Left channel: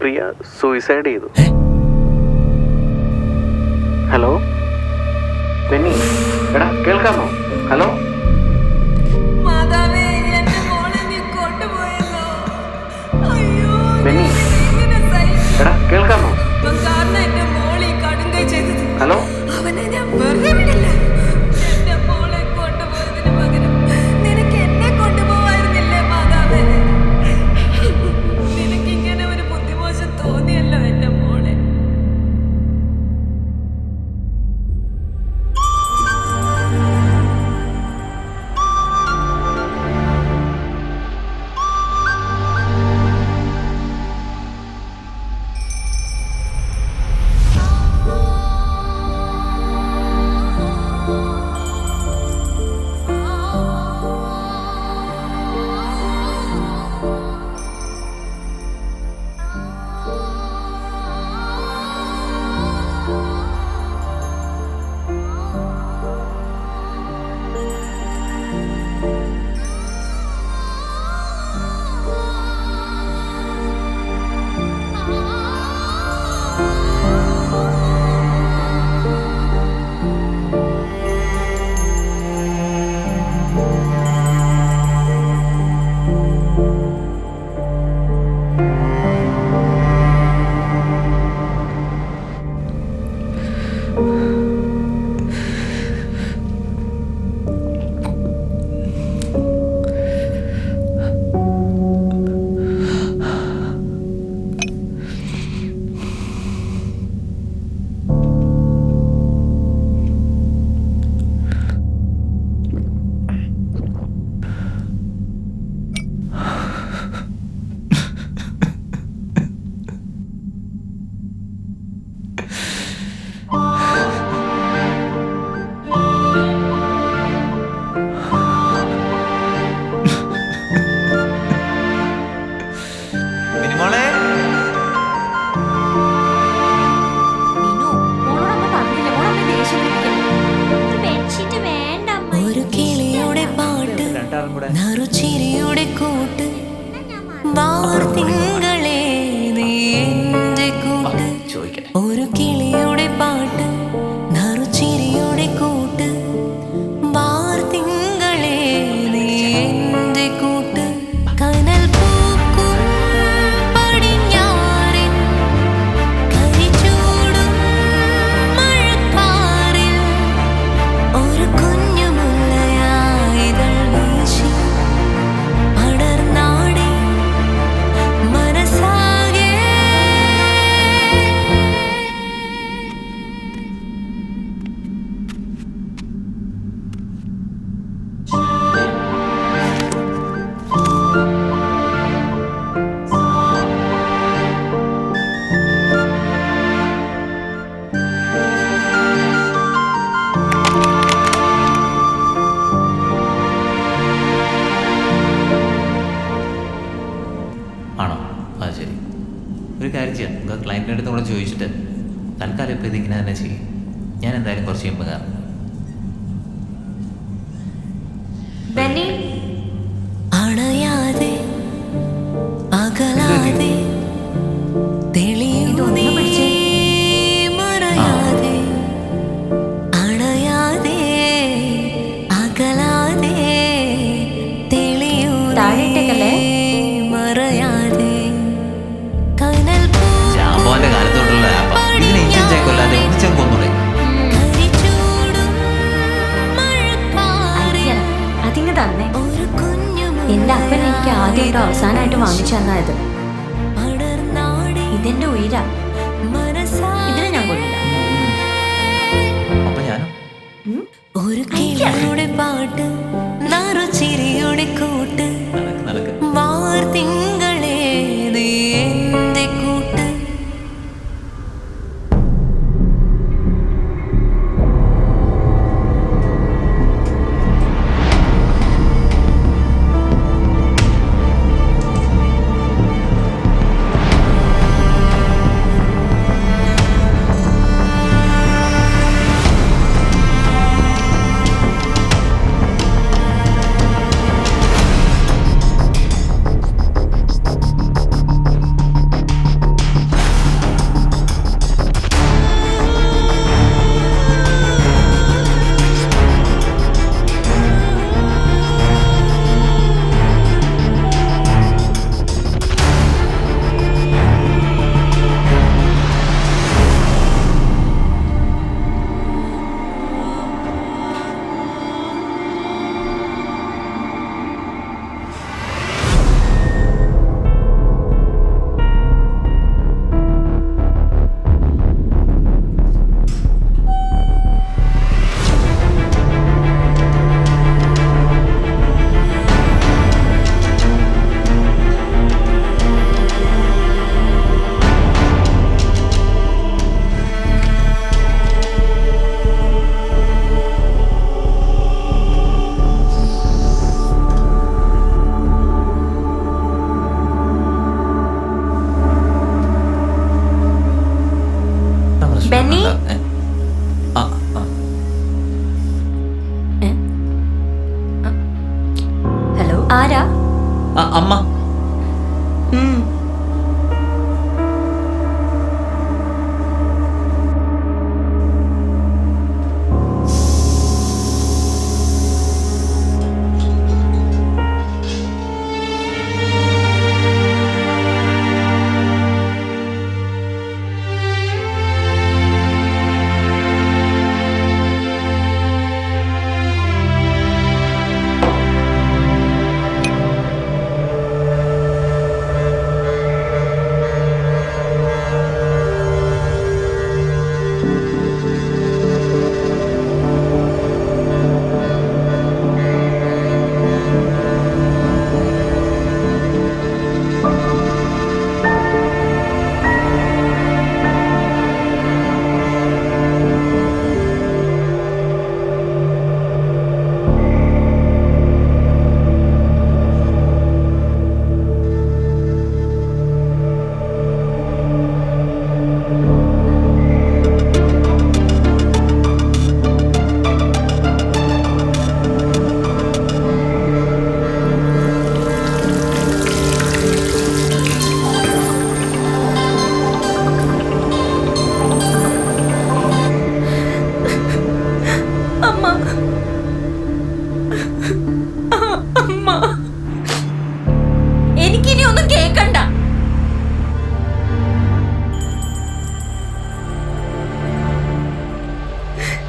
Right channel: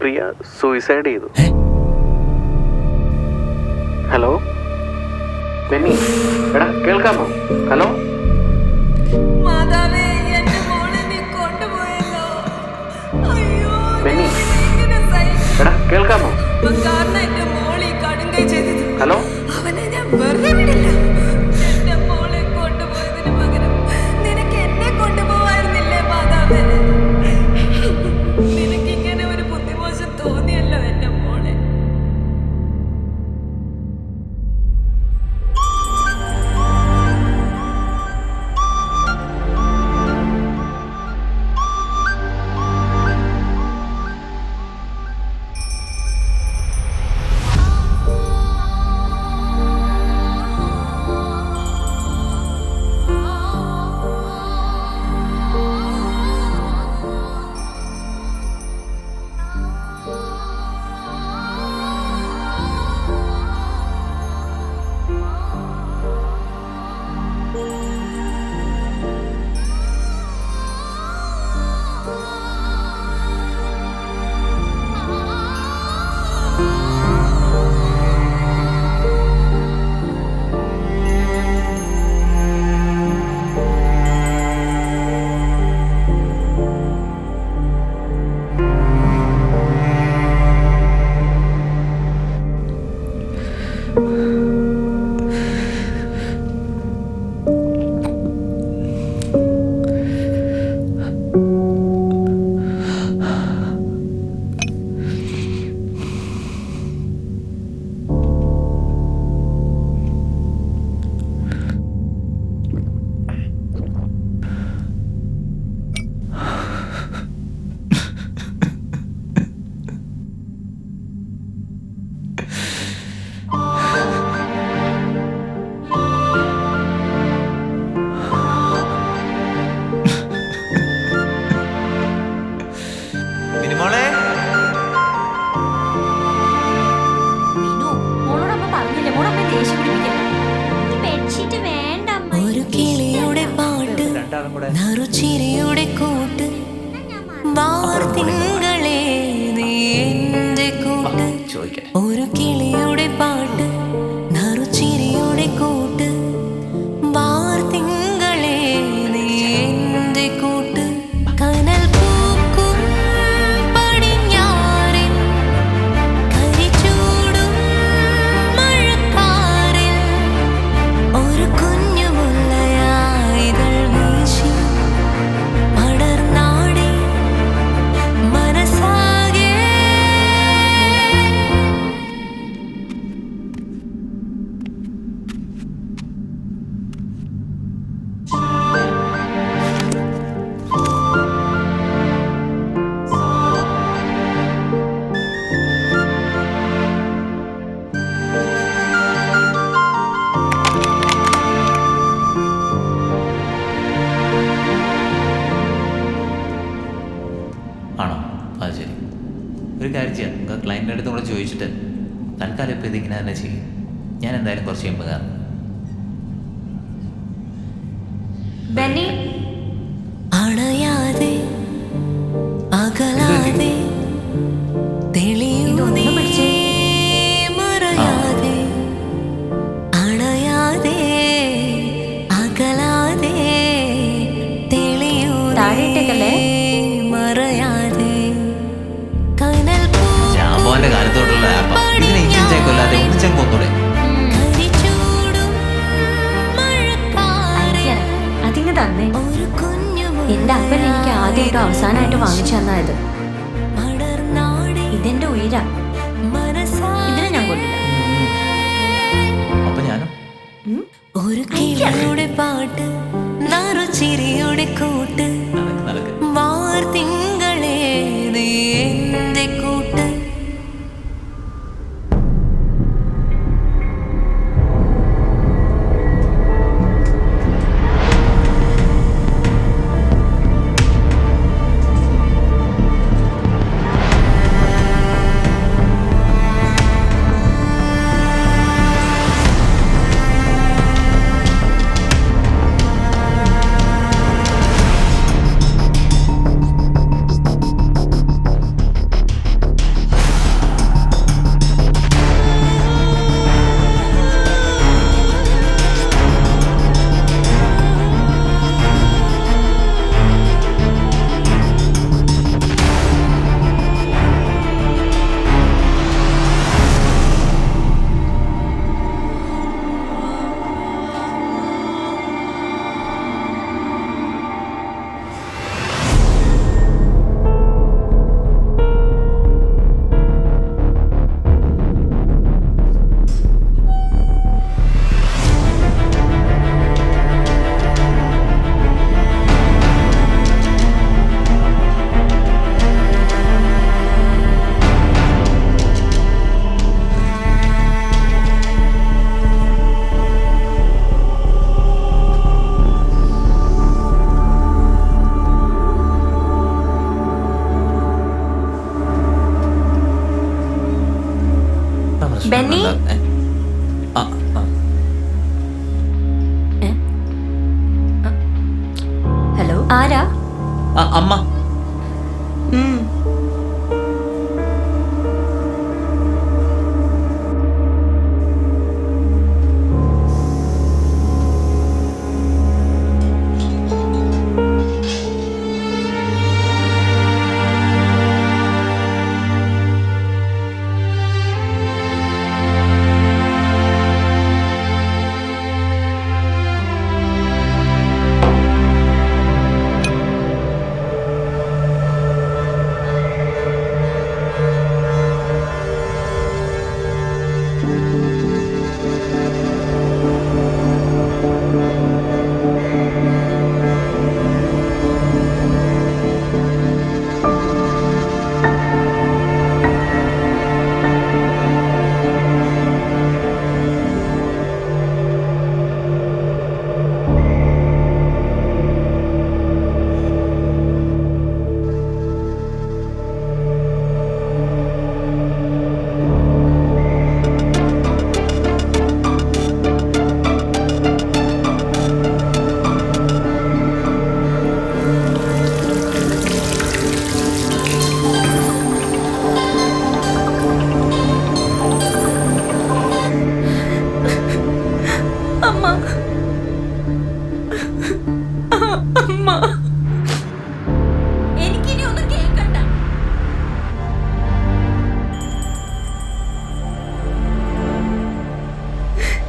പ്രിയ suicide ചെയ്തു. Hello Benny, എടാ കേൾക്കാമോ? ഹലോ മാതാവേ, എന്റെ മോളെ നീ കൊണ്ടുപോയല്ലോ. അയ്യോ, ബെന്നി, എങ്ങനെ സഹിക്കും? എടാ കേൾക്കാമോ? കാരണം എന്റെ മോളെ കടുങ്കൈ ചെയ്തത്. ഹലോ അവനെ ഞാൻ വെറുതെ വിടില്ല. എന്റെ മോളെ കൊണ്ടുപോയതിന് പകരം നിനക്ക് എന്നെ കൊണ്ടുപോവായിരുന്നില്ലേ മാതാവേ? നിനക്ക് ഇങ്ങനെ ഒരു ബുദ്ധിമോശം തോന്നിയല്ലോ എന്റെ മോളെ. മോളെ മിനു, മോളോട് അമ്മ പറഞ്ഞില്ലേ, മോളമ്മ ദേഷ്യം പിടിപ്പിക്കല്ലേ. ഈ ബെഡ്ഷീറ്റ് വേണ്ട അമ്മ. ഒരു കിളിയുടെ പാട്ട്, നറുചിരിയുടെ കൂട്ട്, വാർത്തിങ്കളെ നീ എന്റെ കൂട്ട്. ഒരു കിളിയുടെ പാട്ട്, നറുചിരിയുടെ കൂട്ട്, വാർത്തിങ്കളെ നീ എന്റെ കൂട്ട്. കനൽ പൂക്കും പടിഞ്ഞാറിൻ കരിചൂടും മഴക്കാറിൽ ഒരു കുഞ്ഞു മുല്ലയായിതൾ വീശി പടർന്നാടി മനസ്സാകെ. ആണോ? അത് ശരി. ഒരു കാര്യം ചെയ്യാം, നമുക്ക് ക്ലയൻറ്റിൻ്റെ അടുത്ത് കൂടെ ചോദിച്ചിട്ട് തൽക്കാലം ഇപ്പോൾ ഇതിങ്ങനെ തന്നെ ചെയ്യും. ഞാൻ എന്തായാലും കുറച്ച് കഴിയുമ്പോൾ കാണാം. ബെന്നി, അണയാതെ അകലാതെ തെളിയുന്നേ മറയാതെ, അണയാതെ അകലാതെ തെളിയുന്നേ മറയാതെ. കനൽ ജാമ്പോന്റെ കാലത്തോട്ടുള്ള ആപ്പാ. ഇതിനെ ഇഞ്ചിഞ്ചായി കൊല്ലാതെ ഒന്നിച്ചാൻ കൊന്നൂടെ? അതിങ്ങ് തന്നെ. എന്റെ അപ്പൻ എനിക്ക് ആദ്യമായിട്ടും അവസാനമായിട്ട് വാങ്ങിച്ചു തന്നത്. ഇതെന്റെ ഉയരാ. ഇതിനെ ഞാൻ കൊല്ലില്ല. അപ്പൊ ഞാനും ഒരു കിളിയുടെ പാട്ട്, നറുചിരിയുടെ കൂട്ട്, നടക്ക്. വാർത്തിങ്കളെ നീ എന്റെ കൂട്ട്. ബെന്നി? ആ ആ ഹലോ, ആരാ? ആ, അമ്മ. ഉം. അമ്മ, അമ്മ, എനിക്കിനി ഒന്നും കേക്കണ്ട.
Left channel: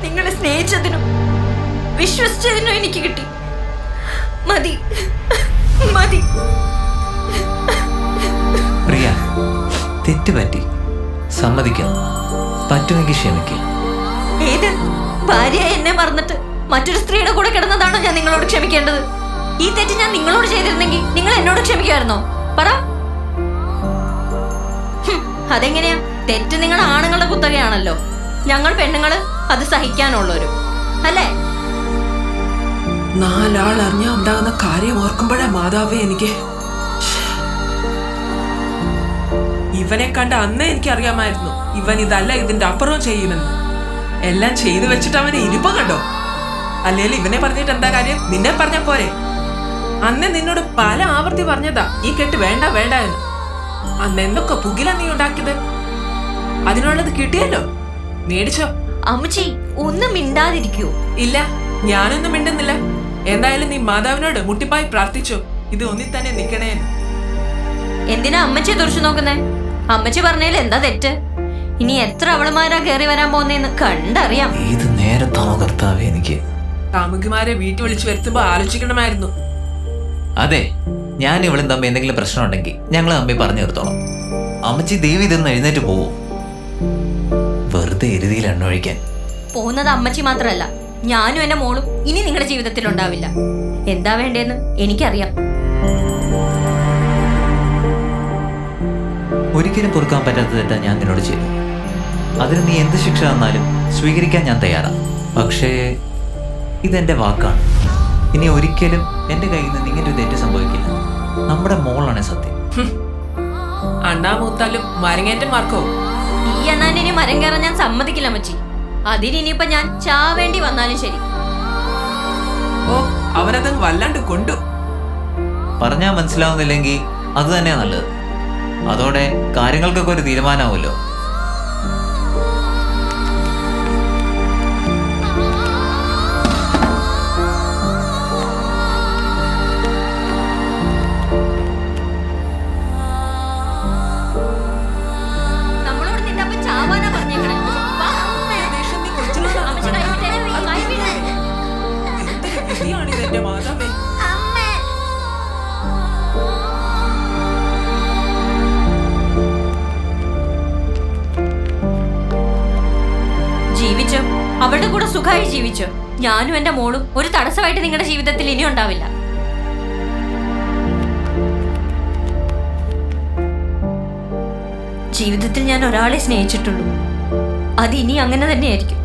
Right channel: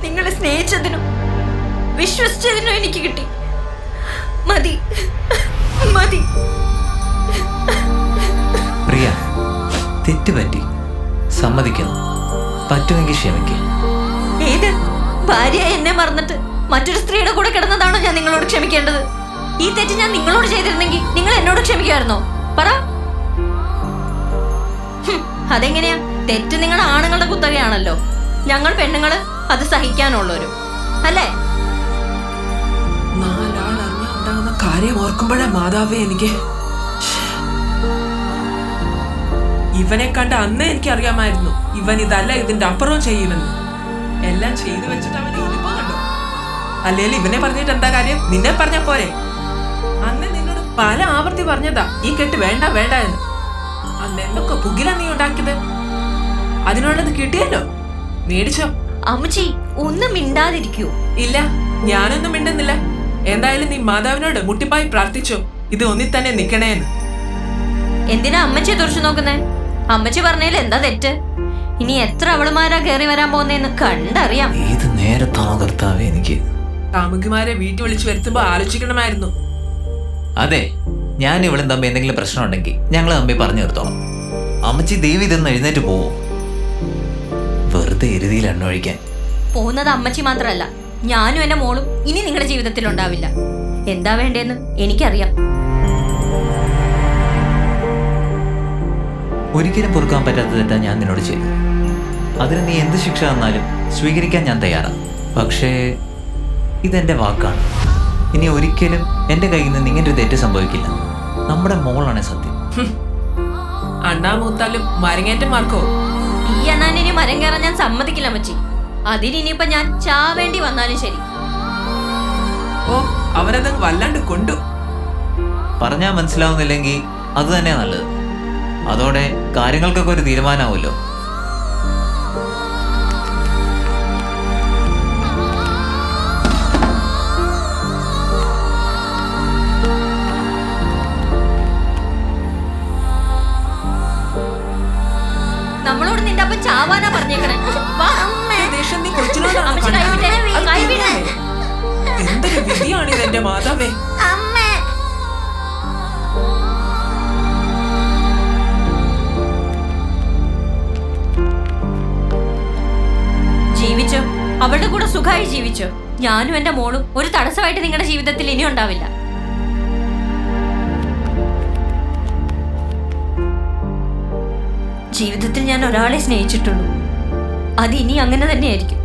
നിങ്ങളെ സ്നേഹിച്ചതിനും വിശ്വസിച്ചതിനും എനിക്ക് കിട്ടി. മതി, മതി. പ്രിയ, തെറ്റുപറ്റി, സമ്മതിക്കാം. പറ്റുമെങ്കിൽ ക്ഷമിക്കുക. ഏത് ഭാര്യ എന്നെ മറന്നിട്ട് മറ്റൊരു സ്ത്രീയുടെ കൂടെ കിടന്നതാണോ ഞാൻ നിങ്ങളോട് ക്ഷമിക്കേണ്ടത്? ഈ തെറ്റ് ഞാൻ നിങ്ങളോട് ചെയ്തിരുന്നെങ്കിൽ നിങ്ങൾ എന്നോട് ക്ഷമിക്കുമായിരുന്നോ? പറ. അതെങ്ങനെയാ? തെറ്റ് നിങ്ങൾ ആണുങ്ങളുടെ കുത്തകയാണല്ലോ. ഞങ്ങൾ പെണ്ണുങ്ങള് അത് സഹിക്കാനുള്ളവരും അല്ലേ? നാലാൾ അറിഞ്ഞാ ഉണ്ടാകുന്ന കാര്യം ഓർക്കുമ്പോഴേ മാതാവേ എനിക്ക്. ഇവനെ കണ്ട അന്നേ എനിക്കറിയാമായിരുന്നു ഇവൻ ഇതല്ല ഇതിന്റെ അപ്പുറവും ചെയ്യുമെന്ന്. എല്ലാം ചെയ്തു വെച്ചിട്ട് അവനെ ഇരിപ്പം കണ്ടോ? അല്ലെങ്കിൽ ഇവനെ പറഞ്ഞിട്ട് എന്താ കാര്യം? നിന്നെ പറഞ്ഞ പോരെ? അന്ന് നിന്നോട് പല ആവർത്തി പറഞ്ഞതാ ഈ കെട്ട് വേണ്ട വേണ്ട എന്ന്. അന്ന് എന്തൊക്കെ പുകില നീ ഉണ്ടാക്കിയത്? അതിനുള്ളത് കിട്ടിയല്ലോ, മേടിച്ചോ. അമ്മച്ചി ഒന്നും മിണ്ടാതിരിക്കൂ. ഇല്ല, ഞാനൊന്നും മിണ്ടുന്നില്ല. എന്തായാലും നീ മാതാവിനോട് മുട്ടിപ്പായി പ്രാർത്ഥിച്ചോ ഇത് ഒന്നി തന്നെ നിക്കണേന്ന്. എന്തിനാ അമ്മച്ചിയെ തുറച്ചു നോക്കുന്നേ? അമ്മച്ചി പറഞ്ഞതിൽ എന്താ തെറ്റ്? ഇനി എത്ര അവളുമാരാ കയറി വരാൻ പോകുന്നേന്ന് കണ്ടറിയാം. ഏത് നേരത്താണോ കർത്താവേ എനിക്ക്? കാമുകിമാരെ വീട്ടിൽ വിളിച്ചു വരുത്തുമ്പോ ആലോചിക്കണമായിരുന്നു. അതെ, ഞാൻ ഇവളും തമ്മിൽ എന്തെങ്കിലും പ്രശ്നം ഉണ്ടെങ്കിൽ ഞങ്ങൾ തമ്മിൽ പറഞ്ഞു തീർത്തോളാം. അമ്മച്ചി ദേവി ഇതൊന്ന് എഴുന്നേറ്റ് പോവോ? വെറുതെ എരുതിയിൽ എണ്ണൊഴിക്കാൻ. പോകുന്നത് അമ്മച്ചി മാത്രല്ല, ഞാനും എന്റെ മോളും ഇനി നിങ്ങളുടെ ജീവിതത്തിൽ ഉണ്ടാവില്ല. എന്താ വേണ്ടേന്ന് എനിക്കറിയാം. ഒരിക്കലും പൊറുക്കാൻ പറ്റാത്ത തെറ്റാ ഞാൻ നിന്നോട് ചെയ്തു. അതിന് നീ എന്ത് ശിക്ഷ തന്നാലും സ്വീകരിക്കാൻ ഞാൻ തയ്യാറാണ്. പക്ഷേ ഇതെന്റെ വാക്കാണ്. ഇനി ഒരിക്കലും എന്റെ കയ്യിൽ നിന്ന് ഇങ്ങനെ ഒരു തെറ്റ് സംഭവിക്കില്ല. നമ്മുടെ മോളാണ് സത്യം. അണ്ണാ മൂത്താലും മരങ്ങേറ്റം മാർക്കോ? ഈ അണ്ണാനിനി മരം കയറാൻ ഞാൻ സമ്മതിക്കില്ല അമ്മച്ചി. അതിനിപ്പോ ഞാൻ ചാവേണ്ടി വന്നാലും ശരി. ഓ, അവനതങ്ങ് വല്ലാണ്ട് കൊണ്ടു. പറഞ്ഞാൽ മനസ്സിലാവുന്നില്ലെങ്കിൽ അത് തന്നെയാ നല്ലത്. അതോടെ കാര്യങ്ങൾക്കൊക്കെ ഒരു തീരുമാനമാവുമല്ലോ. നമ്മളോട് നിന്റെ അപ്പ ചാവാനാ പറഞ്ഞേക്കണേ. ദേഷ്യം നീ കൊച്ചിനോടാണ് അമ്മച്ചി കൈവിട്ടെ, കൈവിട്. എന്തൊരു വിധിയാണിത് എന്റെ മാതാവേ. ജീവിച്ചോ, അവളുടെ കൂടെ സുഖമായി ജീവിച്ചോ. ഞാനും എന്റെ മോളും ഒരു തടസ്സമായിട്ട് നിങ്ങളുടെ ജീവിതത്തിൽ ഇനി ഉണ്ടാവില്ല. ജീവിതത്തിൽ ഞാൻ ഒരാളെ സ്നേഹിച്ചിട്ടുള്ളൂ. അത് ഇനി അങ്ങനെ തന്നെയായിരിക്കും.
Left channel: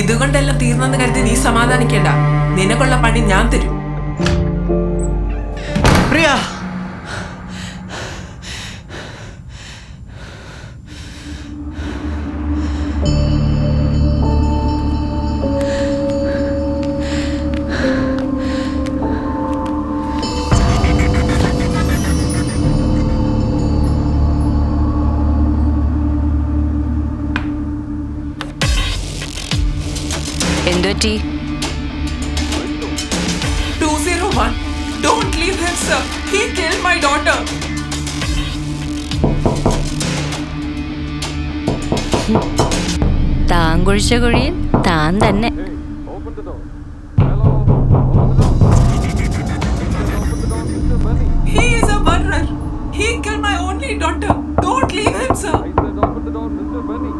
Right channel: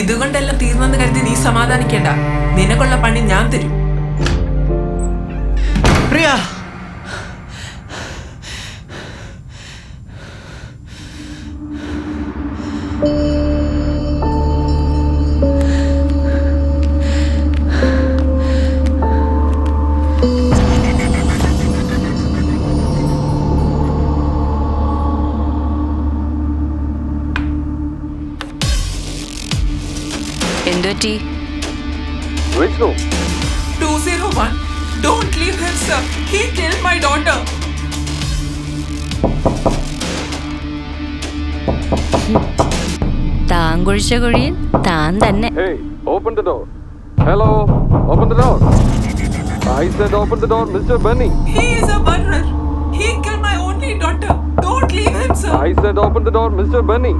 ഇതുകൊണ്ടെല്ലാം തീർന്നെന്ന് കരുതി നീ സമാധാനിക്കേണ്ട. നിനക്കുള്ള പണി ഞാൻ തരും. പ്രിയ, എന്തുപറ്റി? 201. Don't leave him, sir. He killed my daughter. താൻ കുഴിച്ച കുഴിയിൽ താൻ തന്നെ. Hey, open the door. Hello, open the door. I said open the door, Mr. Benny. He is a murderer. He killed my only daughter. Don't leave him, sir. I said open the door, Mr. Benny.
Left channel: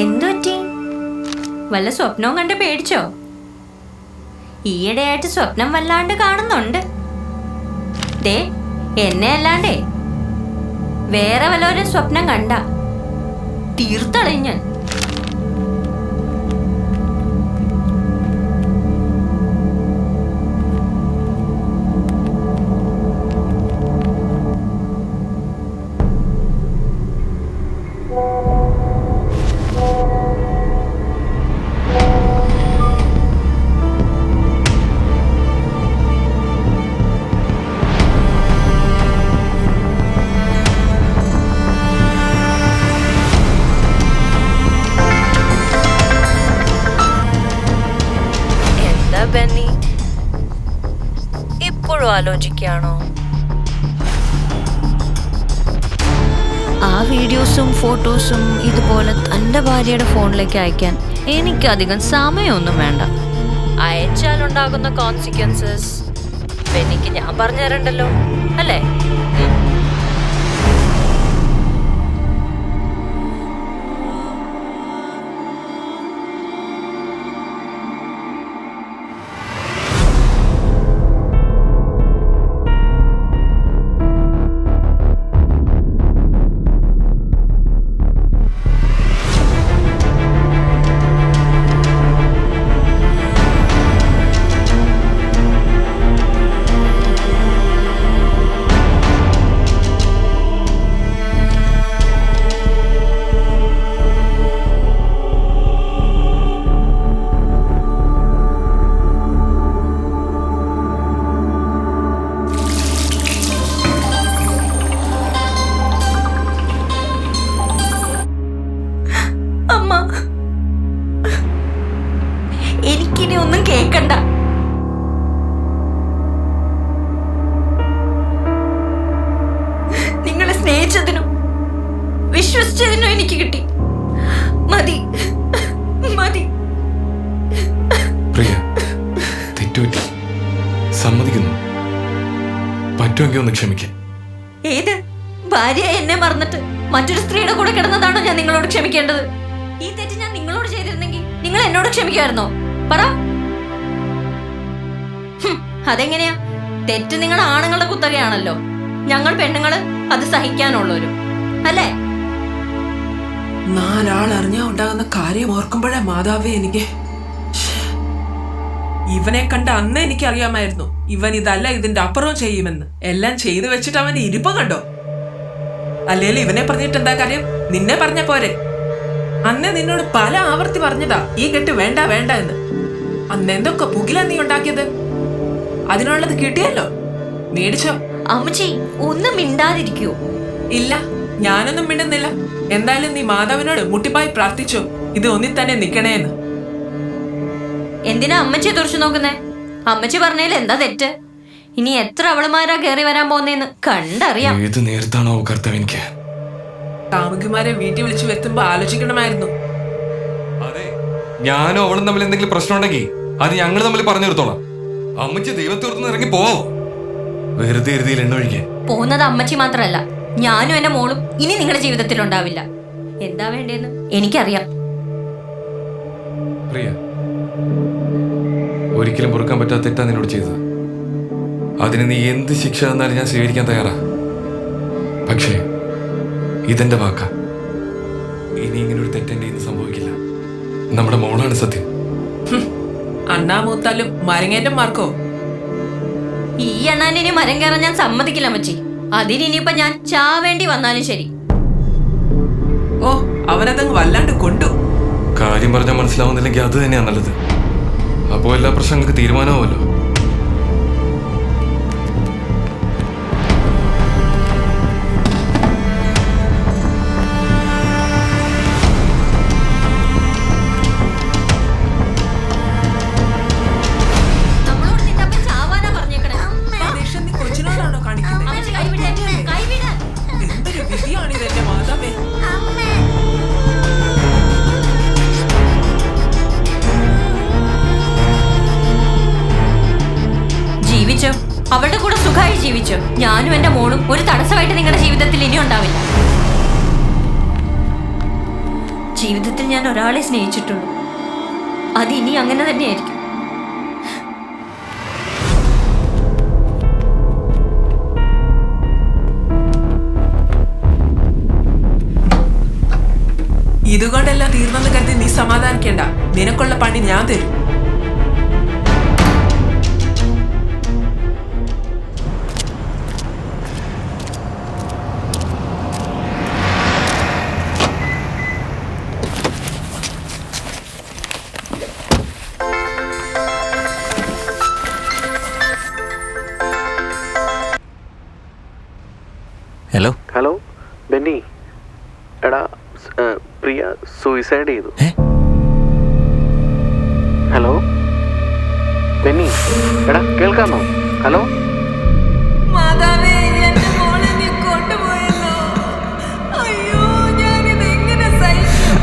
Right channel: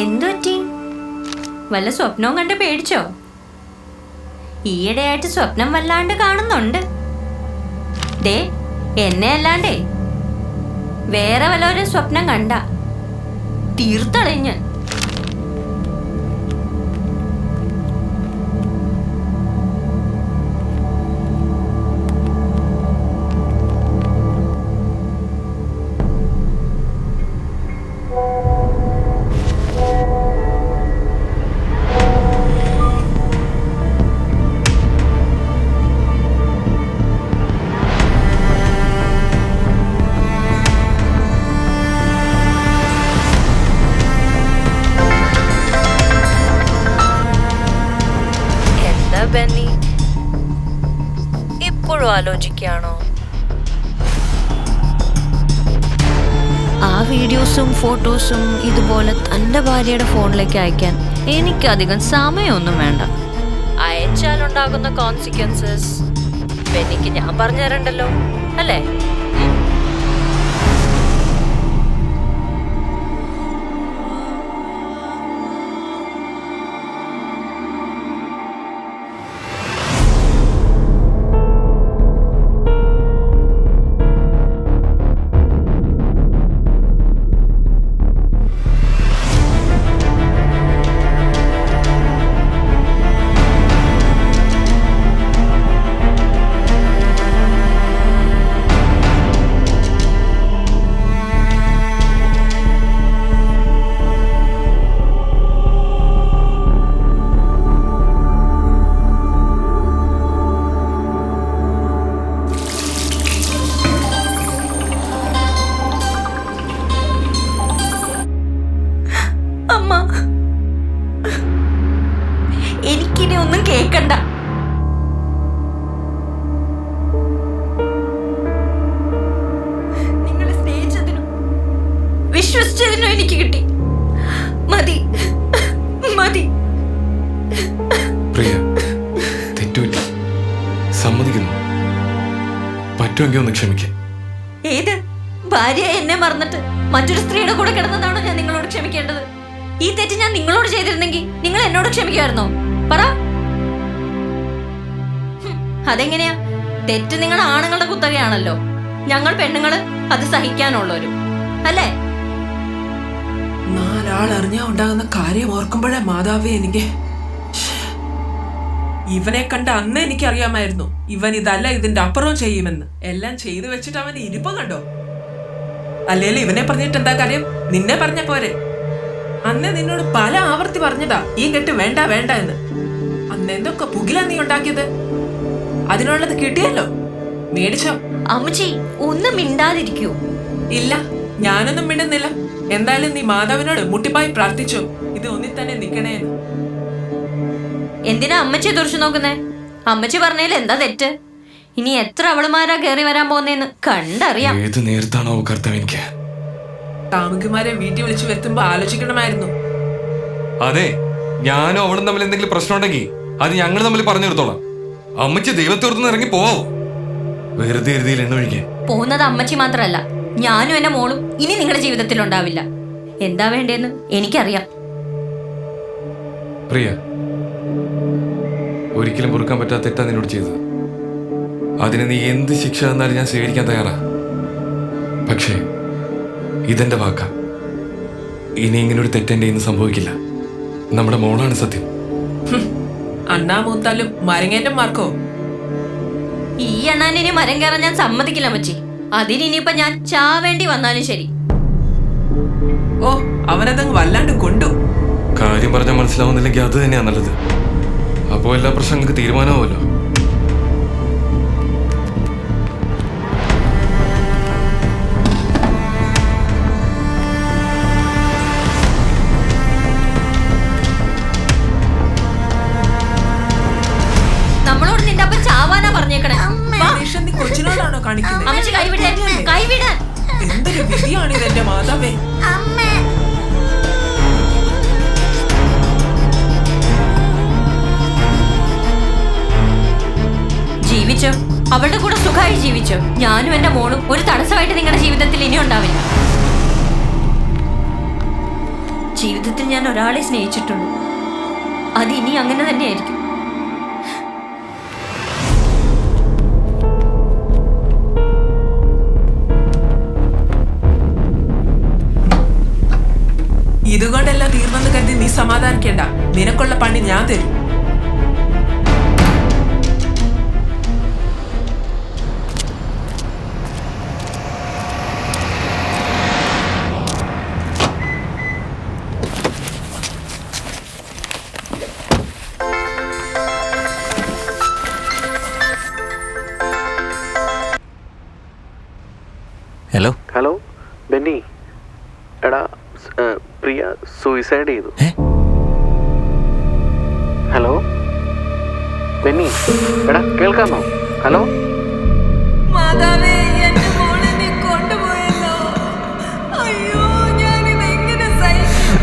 എന്തുപറ്റി? വല്ല സ്വപ്നവും കണ്ട് പേടിച്ചോ? ഈയിടെയായിട്ട് സ്വപ്നം വല്ലാണ്ട് കാണുന്നുണ്ട്. ദേ, എന്നെ അല്ലാണ്ടേ വേറെ വല്ലവരും സ്വപ്നം കണ്ട തീർത്തളയും ഞാൻ. ബെന്നി, ഇപ്പോഴും ആലോചിക്കുകയാണോ? ആ വീഡിയോസും ഫോട്ടോസും ഇതുപോലെ തൻ്റെ ഭാര്യയുടെ ഫോണിലേക്ക് അയക്കാൻ എനിക്കധികം സമയമൊന്നും വേണ്ട. അയച്ചാലുണ്ടാകുന്ന കോൺസിക്വൻസസ് ബെന്നിക്ക് ഞാൻ പറഞ്ഞു തരണ്ടല്ലോ, അല്ലേ? എനിക്കിനി ഒന്നും കേക്കണ്ട. നിങ്ങളെ സ്നേഹിച്ചതിനും വിശ്വസിച്ചതിനും എനിക്ക് കിട്ടി. മതി മതി. പ്രിയ, തെറ്റുപറ്റി, സമ്മതിക്കുന്നു. പറ്റുമെങ്കിൽ ഒന്ന് ക്ഷമിക്കാം. ഏത് ഭാര്യ എന്നെ മറന്നിട്ട് മറ്റൊരു സ്ത്രീയുടെ കൂടെ കിടന്നതാണോ ഞാൻ നിങ്ങളോട് ക്ഷമിക്കേണ്ടത്? ഈ തെറ്റ് ഞാൻ നിങ്ങളോട് ചെയ്തിരുന്നെങ്കിൽ നിങ്ങൾ എന്നോട് ക്ഷമിക്കുമായിരുന്നോ? പറ. അതെങ്ങനെയാ? തെറ്റ് നിങ്ങൾ ആണുങ്ങളുടെ കുത്തകയാണല്ലോ, ഞങ്ങൾ പെണ്ണുങ്ങള് അത് സഹിക്കാനുള്ളവരും, അല്ലേ? 4 ആൾ അറിഞ്ഞാ ഉണ്ടാകുന്ന കാര്യം ഓർക്കുമ്പോഴേ മാതാവേ എനിക്ക്. ഇവനെ കണ്ട അന്ന് എനിക്കറിയാമായിരുന്നു ഇവൻ ഇതല്ല ഇതിന്റെ അപ്പുറവും ചെയ്യുമെന്ന്. എല്ലാം ചെയ്തു വെച്ചിട്ട് അവന് ഇരിപ്പം കണ്ടോ? അല്ലേലും ഇവനെ പറഞ്ഞിട്ട് എന്താ കാര്യം? നിന്നെ പറഞ്ഞ പോരെ. അന്നേ നിന്നോട് പല ആവർത്തി പറഞ്ഞതാ ഈ കെട്ട് വേണ്ട വേണ്ട എന്ന്. അന്ന് എന്തൊക്കെ പുകില നീ ഉണ്ടാക്കിയത്? അതിനുള്ളത് കിട്ടിയല്ലോ, മേടിച്ചോ. അമ്മച്ചി ഒന്നും മിണ്ടാതിരിക്കൂ. ഇല്ല, ഞാനൊന്നും മിണ്ടുന്നില്ല. എന്തായാലും നീ മാതാവിനോട് മുട്ടിപ്പായി പ്രാർത്ഥിച്ചോ ഇത് ഒന്നി തന്നെ നിക്കണേന്ന്. എന്തിനാ അമ്മച്ചിയെ തുറച്ചു നോക്കുന്നേ? അമ്മച്ചി പറഞ്ഞതിൽ എന്താ തെറ്റ്? ഇനി എത്ര അവളുമാരാ കയറി വരാൻ പോകുന്നേന്ന് കണ്ടറിയാം. ഏത് നേരത്താണോ കർത്താവ് എനിക്ക്. കാമുകിമാരെ വീട്ടിൽ വിളിച്ചു വരുത്തുമ്പോ ആലോചിക്കണമായിരുന്നു. അതെ, ഞാനും അവളും തമ്മിൽ എന്തെങ്കിലും പ്രശ്നം ഉണ്ടെങ്കിൽ അത് ഞങ്ങൾ തമ്മിൽ പറഞ്ഞു തീർത്തോളാം. അമ്മച്ചി ദൈവത്തോർത്തുനിന്ന് ഇറങ്ങി പോവോ? വെറുതെ എഴുതിയിൽ എണ്ണ ഒഴിക്കാൻ. പോകുന്നത് അമ്മച്ചി മാത്രല്ല, ഞാനും എന്റെ മോളും ഇനി നിങ്ങളുടെ ജീവിതത്തിൽ ഉണ്ടാവില്ല. എന്താ വേണ്ടേന്ന് എനിക്കറിയാം. പ്രിയ, ഒരിക്കലും പൊറുക്കാൻ പറ്റാത്ത തെറ്റാ നിന്നോട് ചെയ്തത്. അതിന് നീ എന്ത് ശിക്ഷ തന്നാലും ഞാൻ സ്വീകരിക്കാൻ തയ്യാറാ. പക്ഷേ ഇതെന്റെ വാക്കാ. ഇനി ഇങ്ങനെ ഒരു തെറ്റെന്റെ ഇന്ന് സംഭവിക്കില്ല. നമ്മുടെ മോളാണ് സത്യം. അണ്ണാ മൂത്താലും മരങ്ങേറ്റം മാർക്കോ? ഈ അണ്ണാനിനി മരം കയറാൻ ഞാൻ സമ്മതിക്കില്ല അമ്മച്ചി. അതിനിപ്പോ ഞാൻ ചാവേണ്ടി വന്നാലും ശരി. ഓ, അവനതങ്ങ് വല്ലാണ്ട് കൊണ്ടു. കാര്യം പറഞ്ഞാൽ മനസ്സിലാവുന്നില്ലെങ്കിൽ അത് തന്നെയാ നല്ലത്. അപ്പോ എല്ലാ പ്രശ്നങ്ങൾക്ക് തീരുമാനമാവുമല്ലോ. നമ്മളോട് നിന്റെ അപ്പം ചാവാനാ പറഞ്ഞേക്കണേ. ദേഷ്യം നീ കൊച്ചിനോടാണോ കാണിക്കുന്നത്? അമ്മച്ചി കൈവിടാൻ, കൈവിടാൻ. എന്തൊരു വിധിയാണിത് എന്റെ മാതാവേ. ജീവിച്ചോ, അവളുടെ കൂടെ സുഖമായി ജീവിച്ചോ. ഞാനും എന്റെ മോളും ഒരു തടസ്സമായിട്ട് നിങ്ങളുടെ ജീവിതത്തിൽ ഇനി ഉണ്ടാവില്ല. ജീവിതത്തിൽ ഞാൻ ഒരാളെ സ്നേഹിച്ചിട്ടുള്ളൂ. അത് ഇനി അങ്ങനെ തന്നെയായിരിക്കും. ഇതുകൊണ്ടെല്ലാം തീർന്നെന്ന് കരുതി നീ സമാധാനിക്കേണ്ട. നിനക്കുള്ള പണി ഞാൻ തരും. ഹലോ ഹലോ ബെന്നി, എടാ പ്രിയ സൂയിസൈഡ് ചെയ്തു. ഹലോ ബെന്നി, എടാ കേൾക്കാമോ? ഹലോ മാതാവേ, എന്റെ മോളെ നീ കൊണ്ടുപോയല്ലോ. അയ്യോ, ഞാനിത് എങ്ങനെ സഹിക്കും?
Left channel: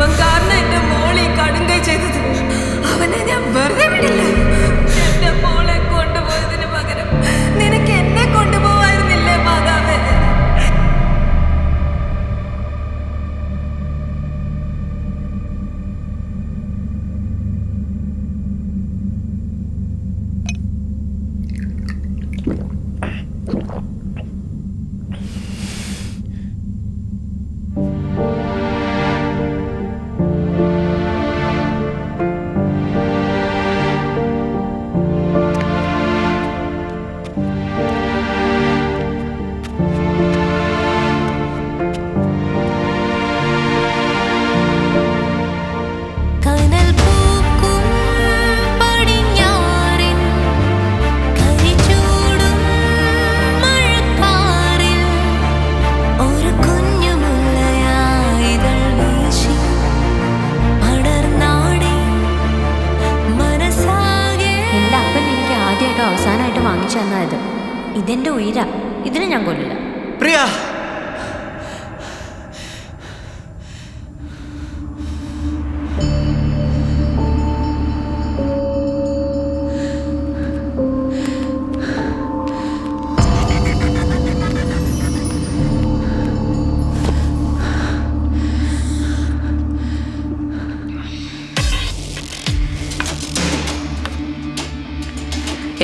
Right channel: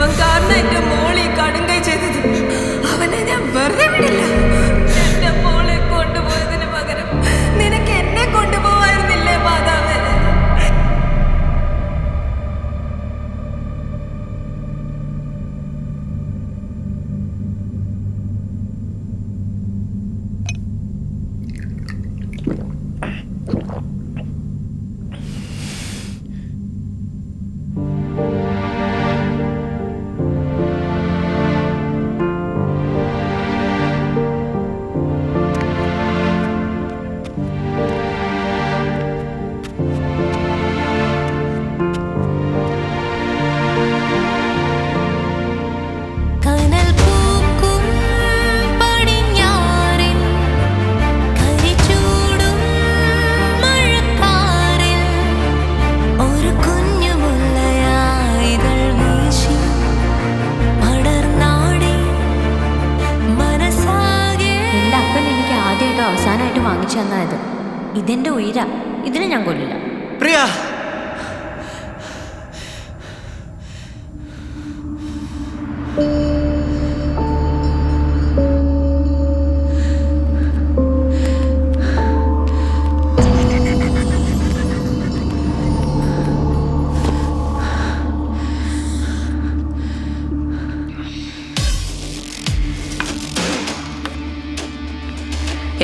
അവൻ കാരണം എന്റെ മോളെ കടുങ്കൈ ചെയ്തത്. അവനെ ഞാൻ വെറുതെ വിടില്ല. എന്റെ മോളെ കൊണ്ടുപോയതിന് പകരം നിനക്ക് എന്നെ കൊണ്ടുപോവായിരുന്നില്ലേ മാതാവേ? ആദ്യമായിട്ടും അവസാനമായിട്ടും വാങ്ങിച്ചു തന്നായത് ഇതെന്റെ ഉയരാ. ഇതിനെ ഞാൻ കൊല്ലില്ല. പ്രിയ,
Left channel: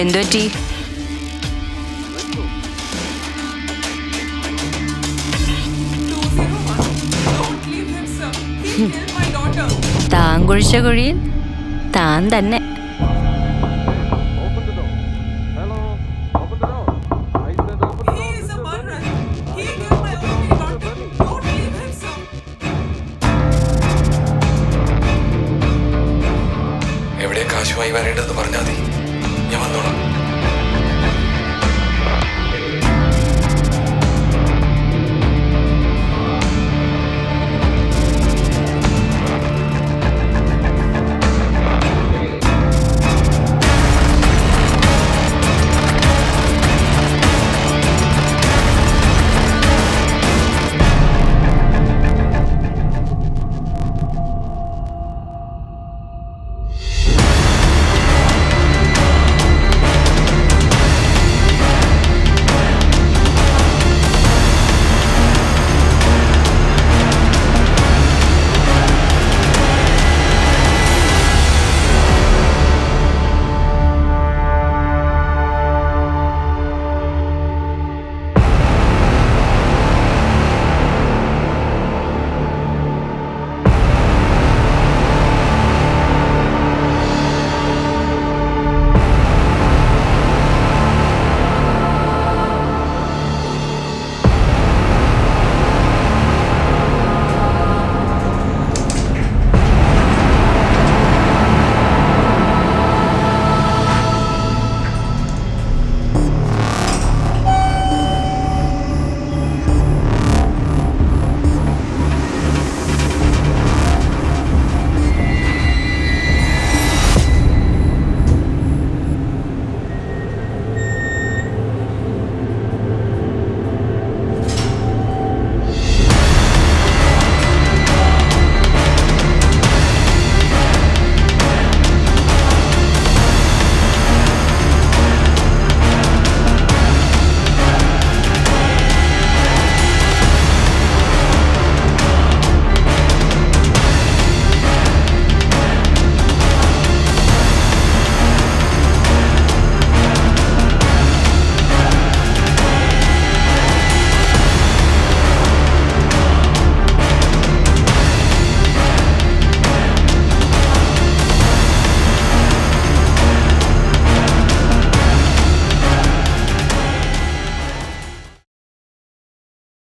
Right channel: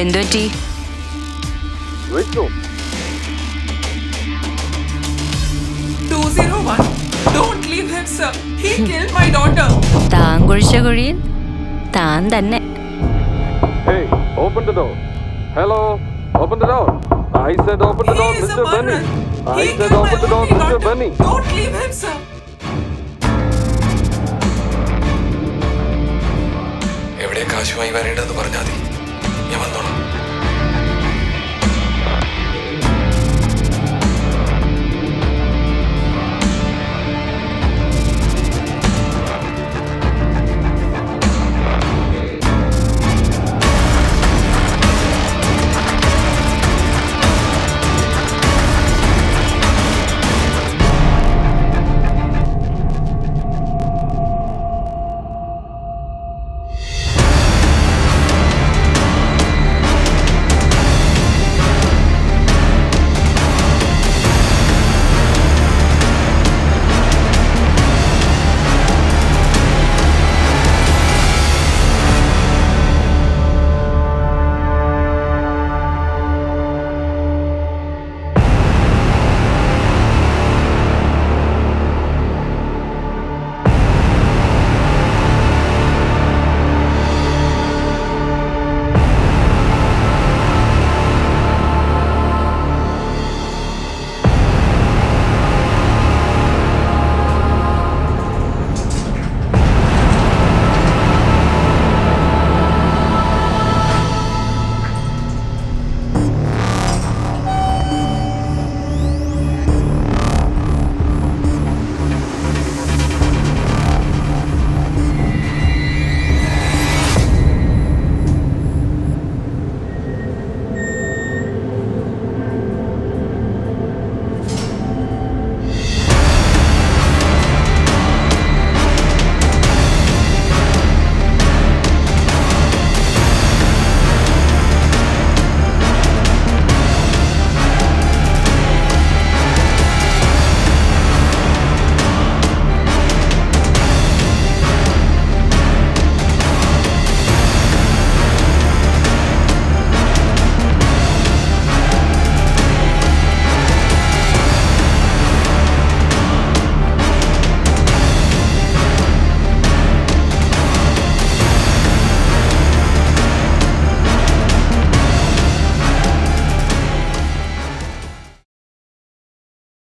എന്തുപറ്റി? വിളിച്ചു. 201. Don't leave him, sir. He killed my daughter. താൻ കുഴിച്ച കുഴിയിൽ താൻ തന്നെ. Hey, open the door. Hello, open the door. I said open the door, He is a Mr. Benny. murderer. I He said killed my open the door, only Mr. daughter. Benny. Don't leave him, sir. ആവശ്യമായി വരേണ്ടതെന്ന് പറഞ്ഞാൽ മതി, ഞാൻ വന്നോളാം.